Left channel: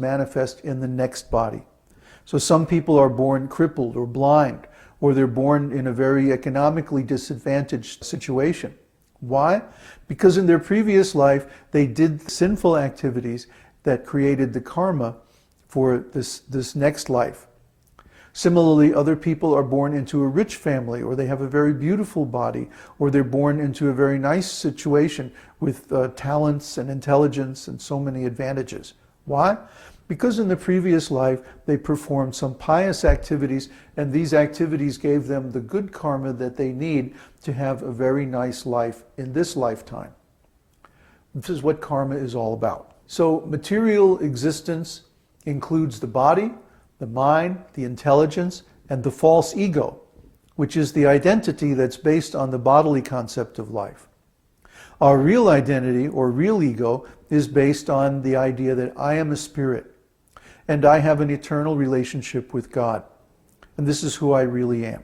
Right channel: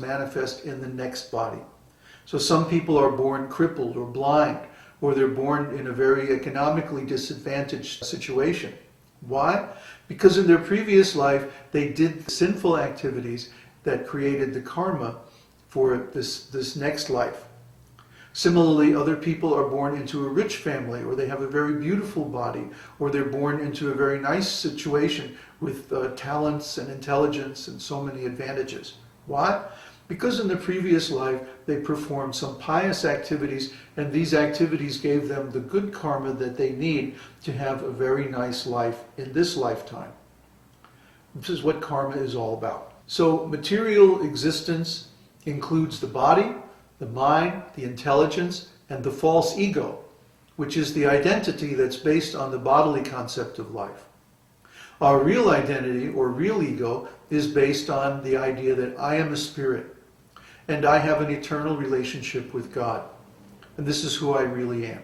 manifest in the next body. So some people are born crippled or blind, or they're born in a very economically disadvantaged situation. Why? Because in their previous life, they did sinful activities that created the karma for this next life. Similarly, other people are born into a rich family, or they have a very beautiful body, or they're born into a very nice situation with talents and intelligence and so many advantages. Why? Because in the previous life, they performed some pious activities, and these activities gave them the good karma that they need to have a very nice life in this lifetime. This is what karma is all about. So material existence includes the body, the mind, the intelligence, and the false ego, which is the identity that's based on the bodily concept of life. Our real identity, or real ego, is based on the idea that I am a spirit, and I have an eternal relationship with God, and this is who I really am.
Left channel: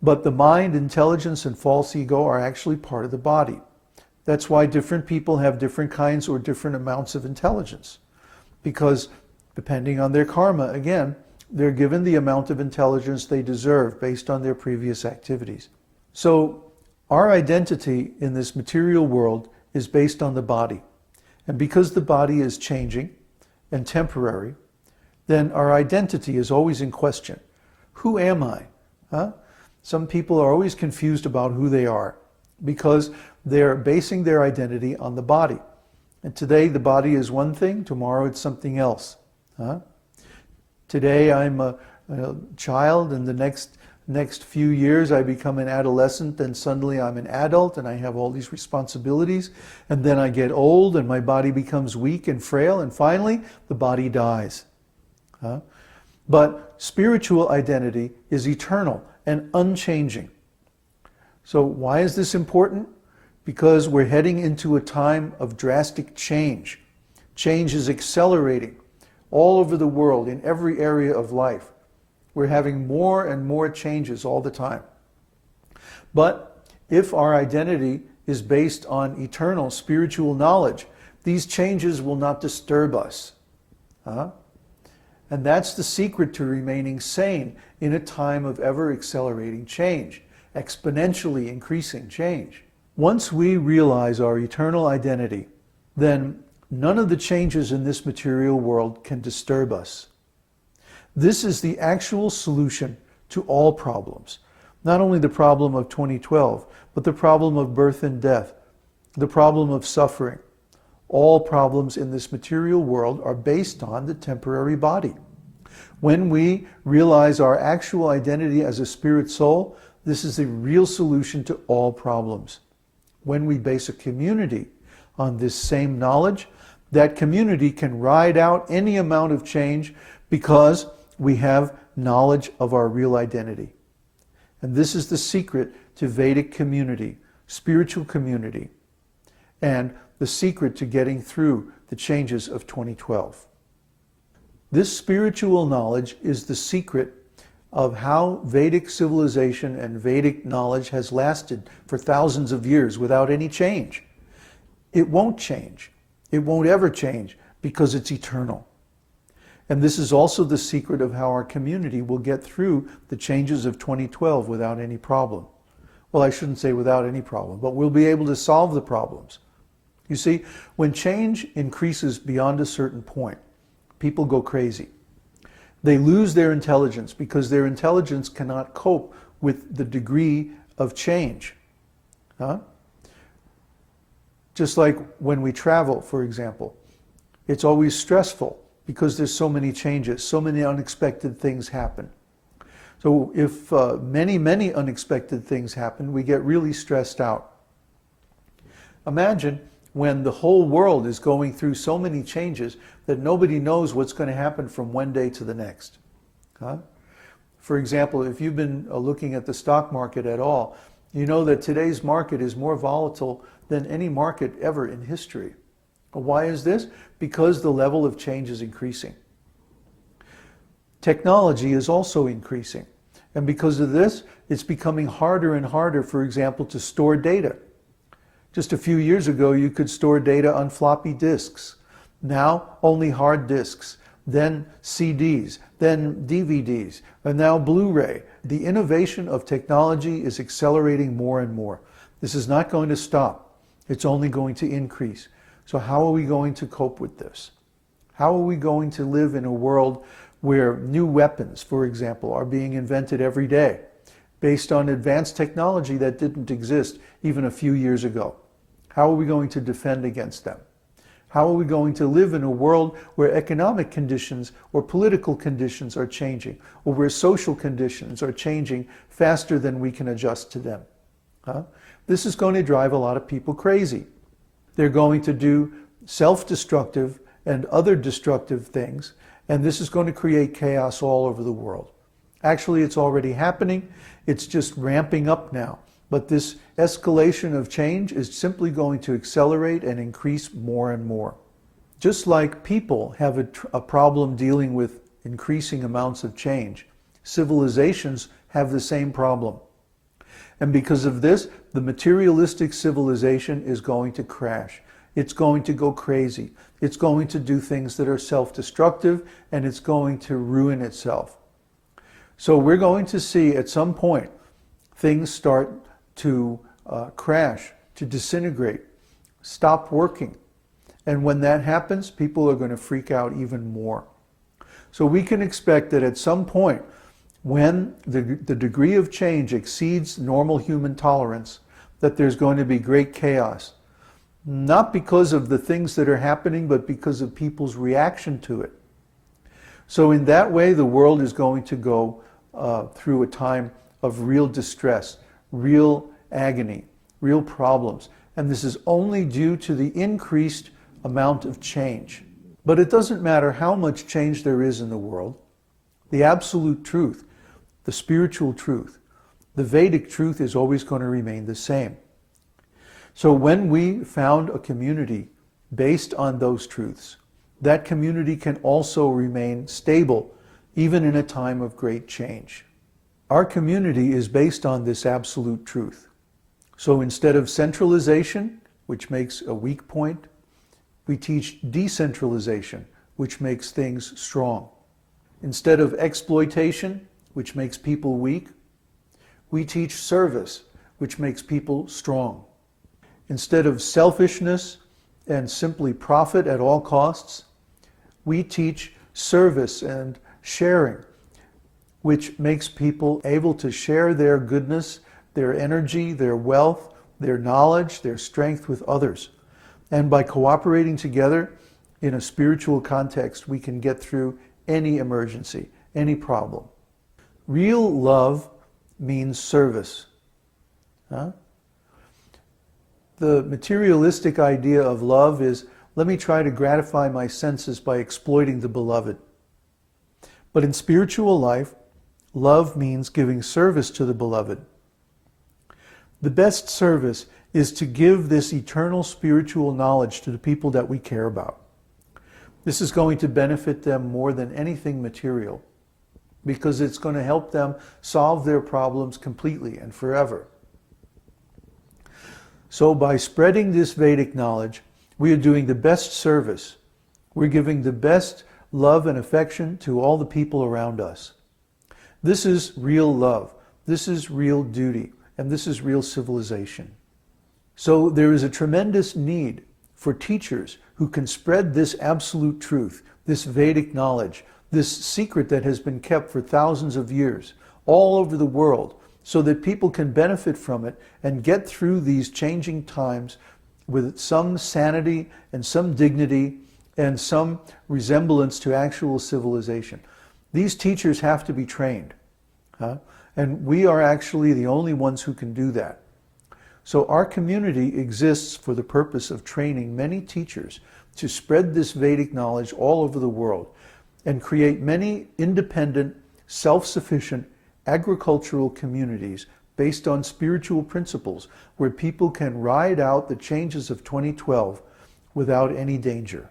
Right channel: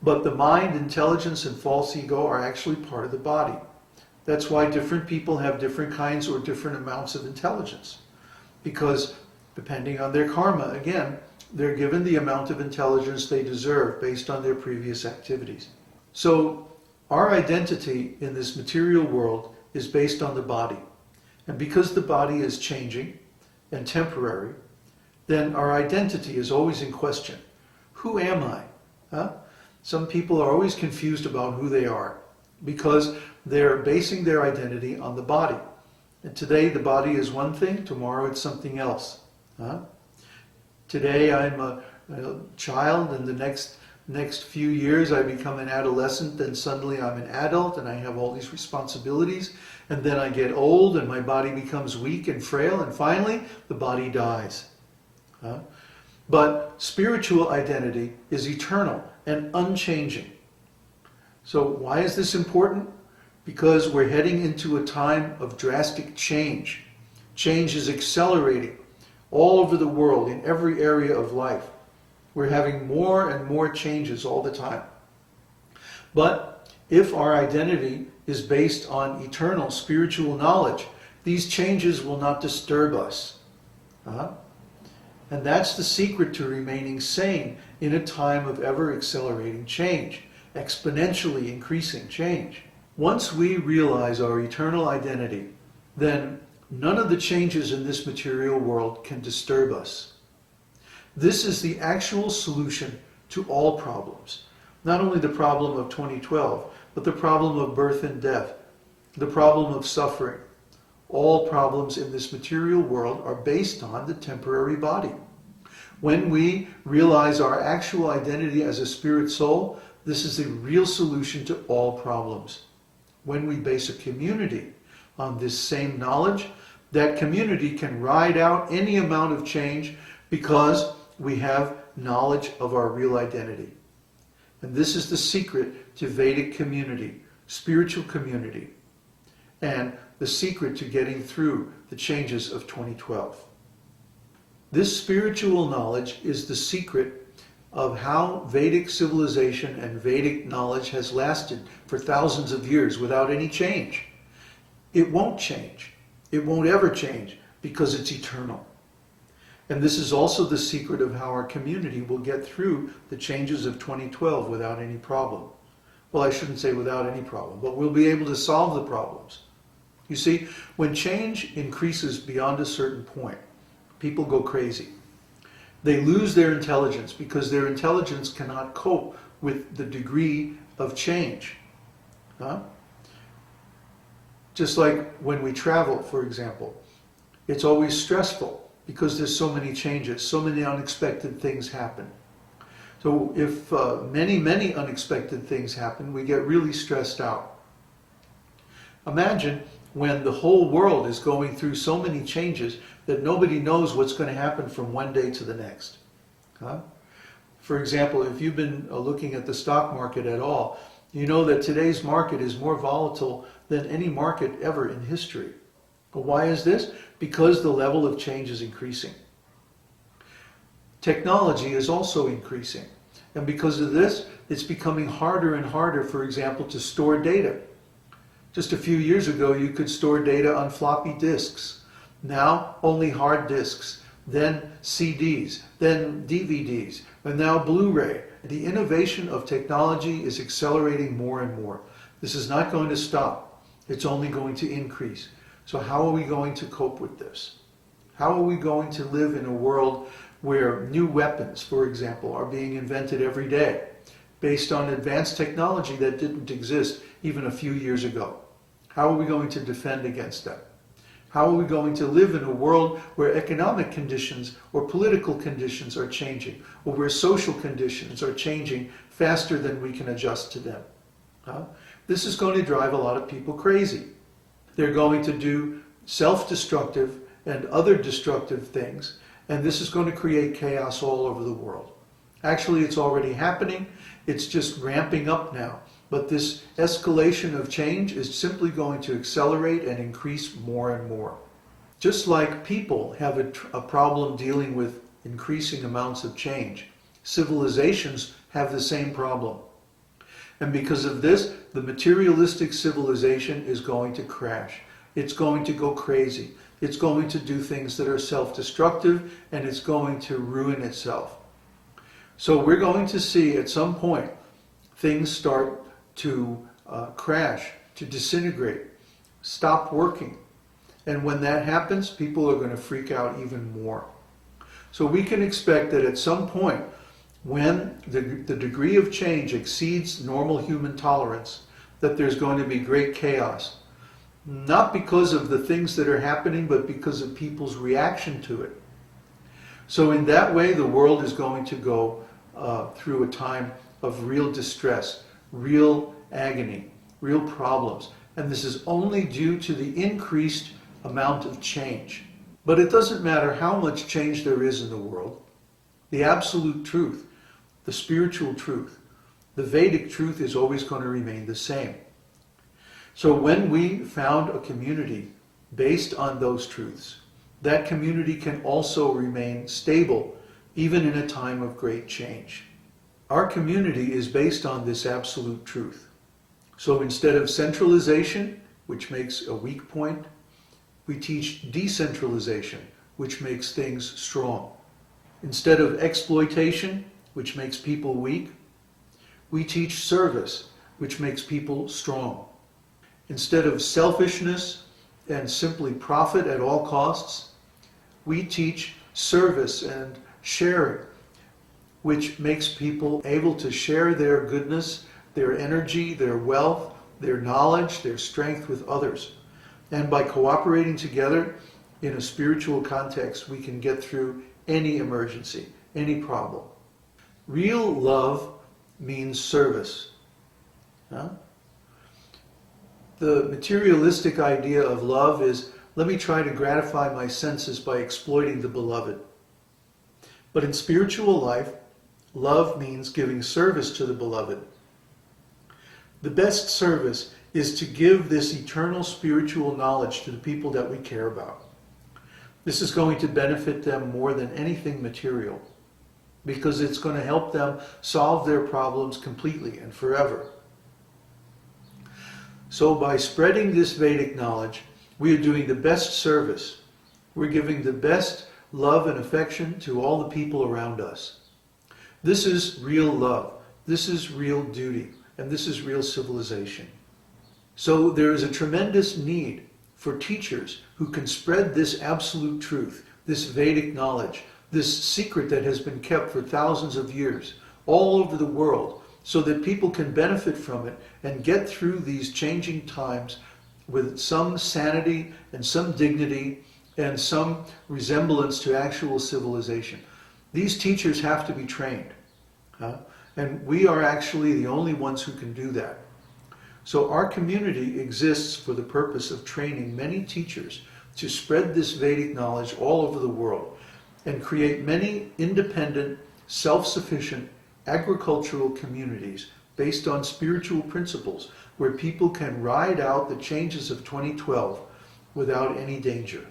But the mind, intelligence, and false ego are actually part of the body. That's why different people have different kinds or different amounts of intelligence, because depending on their karma, again, they're given the amount of intelligence they deserve based on their previous activities. So our identity in this material world is based on the body. And because the body is changing and temporary, then our identity is always in question. Who am I? Some people are always confused about who they are because they're basing their identity on the body. And today the body is one thing, tomorrow it's something else. Today I'm a child, and the next few years I become an adolescent, and suddenly I'm an adult and I have all these responsibilities, and then I get old and my body becomes weak and frail, and finally the body dies. But spiritual identity is eternal and unchanging. So why is this important? Because we're heading into a time of drastic change. Change is accelerating all over the world, in every area of life. We're having more and more changes all the time. But if our identity is based on eternal spiritual knowledge, these changes will not disturb us. And that's the secret to remaining sane in a time of ever-accelerating change, exponentially increasing change. Once we realize our eternal identity, then none of the changes in this material world can disturb us. This is the actual solution to all problems. Not only the problem of 2012, but the problem of birth and death, the problem of suffering. All problems in this material world are based on the temporary body. When we realize our actual identity as a spirit soul, this is the real solution to all problems. When we base a community on this same knowledge, that community can ride out any amount of change because we have knowledge of our real identity. And this is the secret to Vedic community, spiritual community, and the secret to getting through the changes of 2012. This spiritual knowledge is the secret of how Vedic civilization and Vedic knowledge has lasted for thousands of years without any change. It won't change. It won't ever change because it's eternal. And this is also the secret of how our community will get through the changes of 2012 without any problem. Well, I shouldn't say without any problem, but we'll be able to solve the problems. You see, when change increases beyond a certain point, people go crazy. They lose their intelligence because their intelligence cannot cope with the degree of change. Just like when we travel, for example, it's always stressful because there's so many changes, so many unexpected things happen. So if many unexpected things happen, we get really stressed out. Imagine when the whole world is going through so many changes that nobody knows what's going to happen from one day to the next. For example, if you've been looking at the stock market at all, you know that today's market is more volatile than any market ever in history. Why is this? Because the level of change is increasing. Technology is also increasing. And because of this, it's becoming harder and harder, for example, to store data. Just a few years ago, you could store data on floppy disks. Now only hard disks, then CDs, then DVDs, and now Blu-ray. The innovation of technology is accelerating more and more. This is not going to stop. It's only going to increase. So how are we going to cope with this? How are we going to live in a world where new weapons, for example, are being invented every day based on advanced technology that didn't exist even a few years ago? How are we going to defend against them? How are we going to live in a world where economic conditions or political conditions are changing, or where social conditions are changing faster than we can adjust to them? This is going to drive a lot of people crazy. They're going to do self-destructive and other destructive things, and this is going to create chaos all over the world. Actually, it's already happening. It's just ramping up now. But this escalation of change is simply going to accelerate and increase more and more. Just like people have a problem dealing with increasing amounts of change, civilizations have the same problem. And because of this, the materialistic civilization is going to crash. It's going to go crazy. It's going to do things that are self-destructive, and it's going to ruin itself. So we're going to see at some point things start to crash, to disintegrate, stop working. And when that happens, people are going to freak out even more. So we can expect that at some point, when the degree of change exceeds normal human tolerance, that there's going to be great chaos. Not because of the things that are happening, but because of people's reaction to it. So in that way, the world is going to go through a time of real distress, real agony, real problems. And this is only due to the increased amount of change. But it doesn't matter how much change there is in the world. The absolute truth, the spiritual truth, the Vedic truth is always going to remain the same. So when we found a community based on those truths, that community can also remain stable, even in a time of great change. Our community is based on this absolute truth. So instead of centralization, which makes a weak point, we teach decentralization, which makes things strong. Instead of exploitation, which makes people weak, we teach service, which makes people strong. Instead of selfishness and simply profit at all costs, we teach service and sharing, which makes people able to share their goodness, their energy, their wealth, their knowledge, their strength with others. And by cooperating together in a spiritual context, we can get through any emergency, any problem. Real love means service. The materialistic idea of love is, let me try to gratify my senses by exploiting the beloved. But in spiritual life, love means giving service to the beloved. The best service is to give this eternal spiritual knowledge to the people that we care about. This is going to benefit them more than anything material, because it's going to help them solve their problems completely and forever. So by spreading this Vedic knowledge, we are doing the best service. We're giving the best love and affection to all the people around us. This is real love. This is real duty. And this is real civilization. So there is a tremendous need for teachers who can spread this absolute truth, this Vedic knowledge, this secret that has been kept for thousands of years all over the world, so that people can benefit from it and get through these changing times with some sanity and some dignity and some resemblance to actual civilization. These teachers have to be trained. And we are actually the only ones who can do that. So our community exists for the purpose of training many teachers to spread this Vedic knowledge all over the world and create many independent, self-sufficient agricultural communities based on spiritual principles where people can ride out the changes of 2012 without any danger.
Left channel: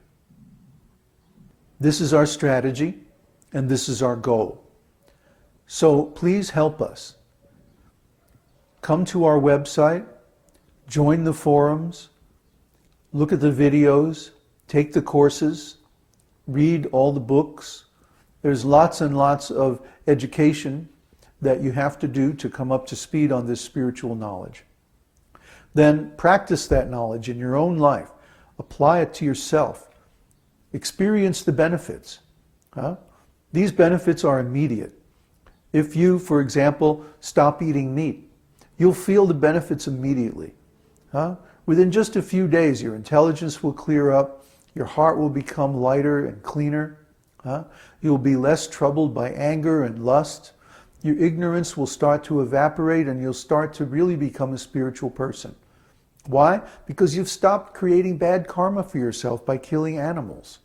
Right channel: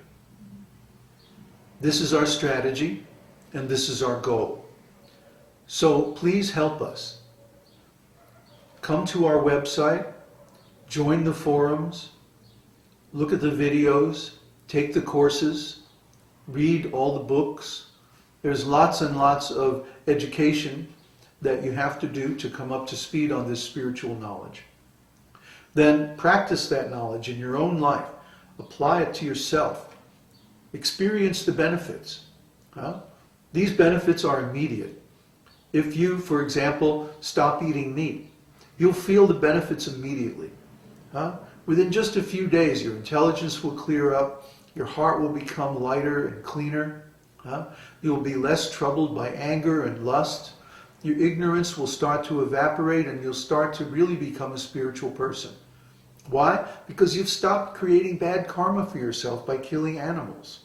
This is our strategy and this is our goal. So please help us. Come to our website, join the forums, look at the videos, take the courses, read all the books. There's lots and lots of education that you have to do to come up to speed on this spiritual knowledge. Then practice that knowledge in your own life. Apply it to yourself. Experience the benefits. These benefits are immediate. If you, for example, stop eating meat, you'll feel the benefits immediately. Within just a few days, your intelligence will clear up, your heart will become lighter and cleaner. You'll be less troubled by anger and lust. Your ignorance will start to evaporate and you'll start to really become a spiritual person. Why? Because you've stopped creating bad karma for yourself by killing animals.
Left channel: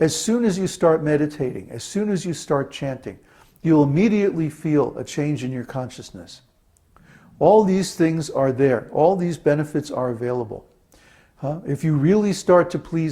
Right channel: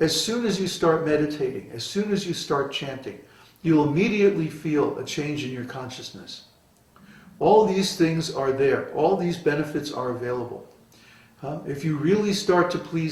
As soon as you start meditating, as soon as you start chanting, you'll immediately feel a change in your consciousness. All these things are there. All these benefits are available. If you really start to please